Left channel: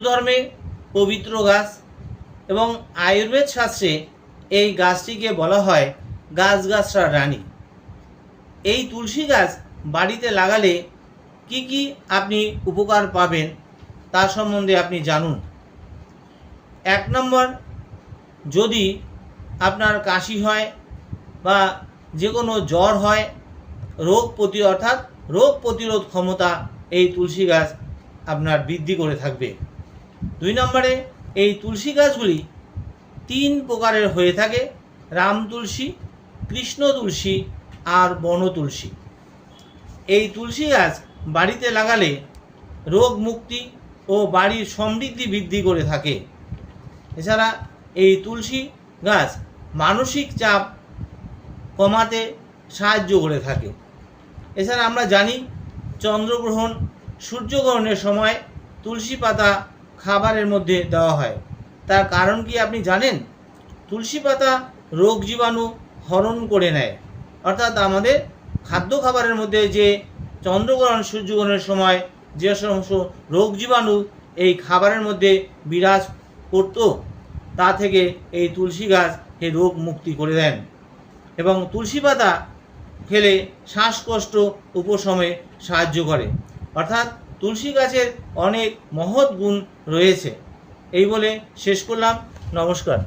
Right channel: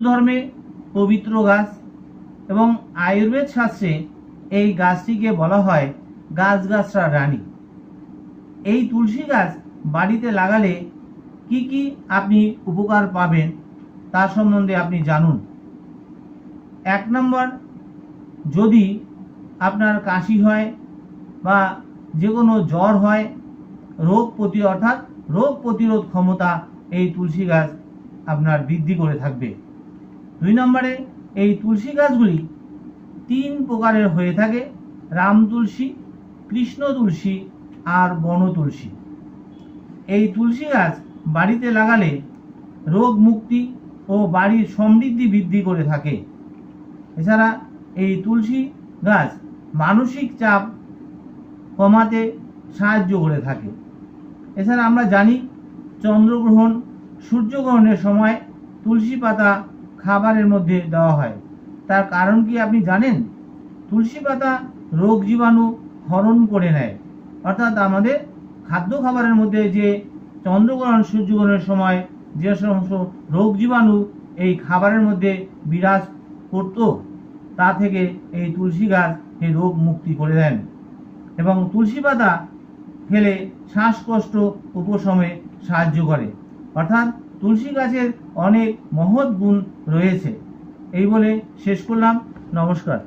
ধর্মে পবিত্র গাছ এবং আয়ুর্বেদ শাস্ত্রে এই গাছটিকে বলা হয় গাছগাছড়া রানী। এই তুলসী গাছ বাড়িতে লাগালে কি কি আপনি উপকার পাবেন তা সম্বন্ধে আপনি জানুন। 1 নম্বর, যদি আপনার কাশি হয় বা যে কোনো জ্বর হয়, রোগ প্রতিরোধ ক্ষমতা এই তুলসী গাছ আপনার বৃদ্ধি করে থাকবে। 2 নম্বরে, এই তুলসী গাছগুলি 3 প্রকারের হয়ে থাকে: রাম তুলসী, কৃষ্ণ তুলসী আর বন তুলসী। এই তুলসী গাছ বাড়িতে লাগালে রোগ মুক্তি ও বাড়ির সমৃদ্ধি বৃদ্ধি করে থাকে। এছাড়া এই তুলসী গাছ মানসিক চাপ কমাতে সাহায্য করে থাকে। এছাড়া আমরা জানি চন্দ্রগ্রহণ, সূর্যগ্রহণের সময় তুলসী পাতা খাবারের মধ্যে দেওয়া হয়। তার কারণ কি আপনি জানেন? তুলসী পাতা রোগ জীবাণু হরণ করে নেয়, অর্থাৎ আমাদের খাদ্য খাবারের মধ্যে যে চন্দ্রগ্রহণ, সূর্যগ্রহণের সময় যে সমস্ত রোগ জীবাণু এই খাবারের মধ্যে বিরাজ করত, তা থেকে এই তুলসী গাছ এই রোগ মুক্তি করে দেন। এবং তুলসী পাতা খেলে শ্বাসকষ্ট উপশমে সাহায্য করে। অর্থাৎ তুলসী গাছের অনেক মহৎ গুণ রয়েছে। এই বলে শেষ করলাম। নমস্কার।